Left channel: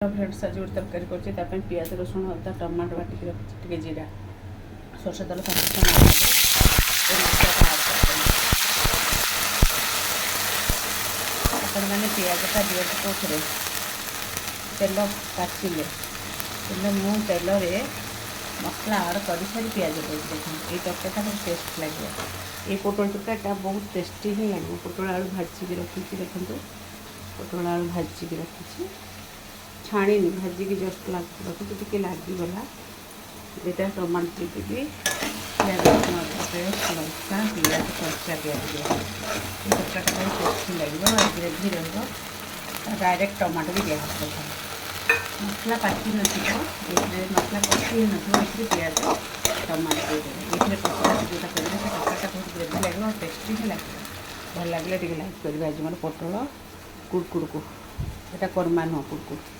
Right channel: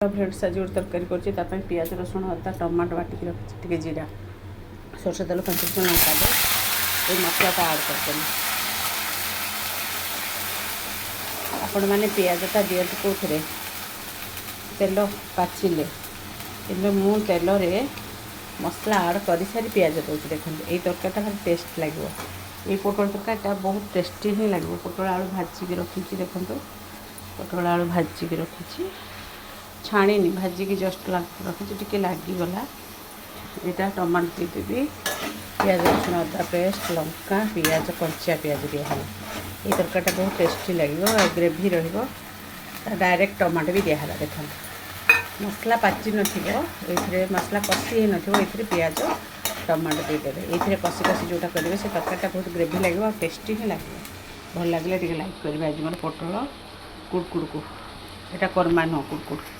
bread साजी गोटे तरकारी कर पियाज रसुण अदा टमाटो बाटिक रखी जीरा सरष तेल 5 मसला आड कर आपण मैंने पियाजटा दिखाते कौन तेल पाचिले कि मु तेल मसला आड कर सारी पियाज दूसरी देखो ये तरकारीटा बहुत टेस्ट लगे ये पोटल तरकारीटा बहुत टेस्टी ही लगे पोटल आलू भाजिकी रखी देखो पोटल आलू भाजिकी रखी छाणी भाजिकी जस्ट रखी टे लगिगला यहाँ टमाटो देवी पियाज रसुण अदा पेस्ट लंका पियाज कंचा पियाज दिया ये तरकारीटा बहुत टेस्टी लगे ग्रेवी डायरेक्ट टमाटो भी दिया देखो मसला पाचि ये मसला कषि ये पियाज टमाटो देदेवे ये कषि कषि जोटा करेंगे से तरकारीटा बहुत ग्रेवी लगे और टेस्टी ही लगे भल लगे लाइक करेंगे आज मोर पोटल कुड़कुड़ को यहाँ करमा नुह कुड़कुड़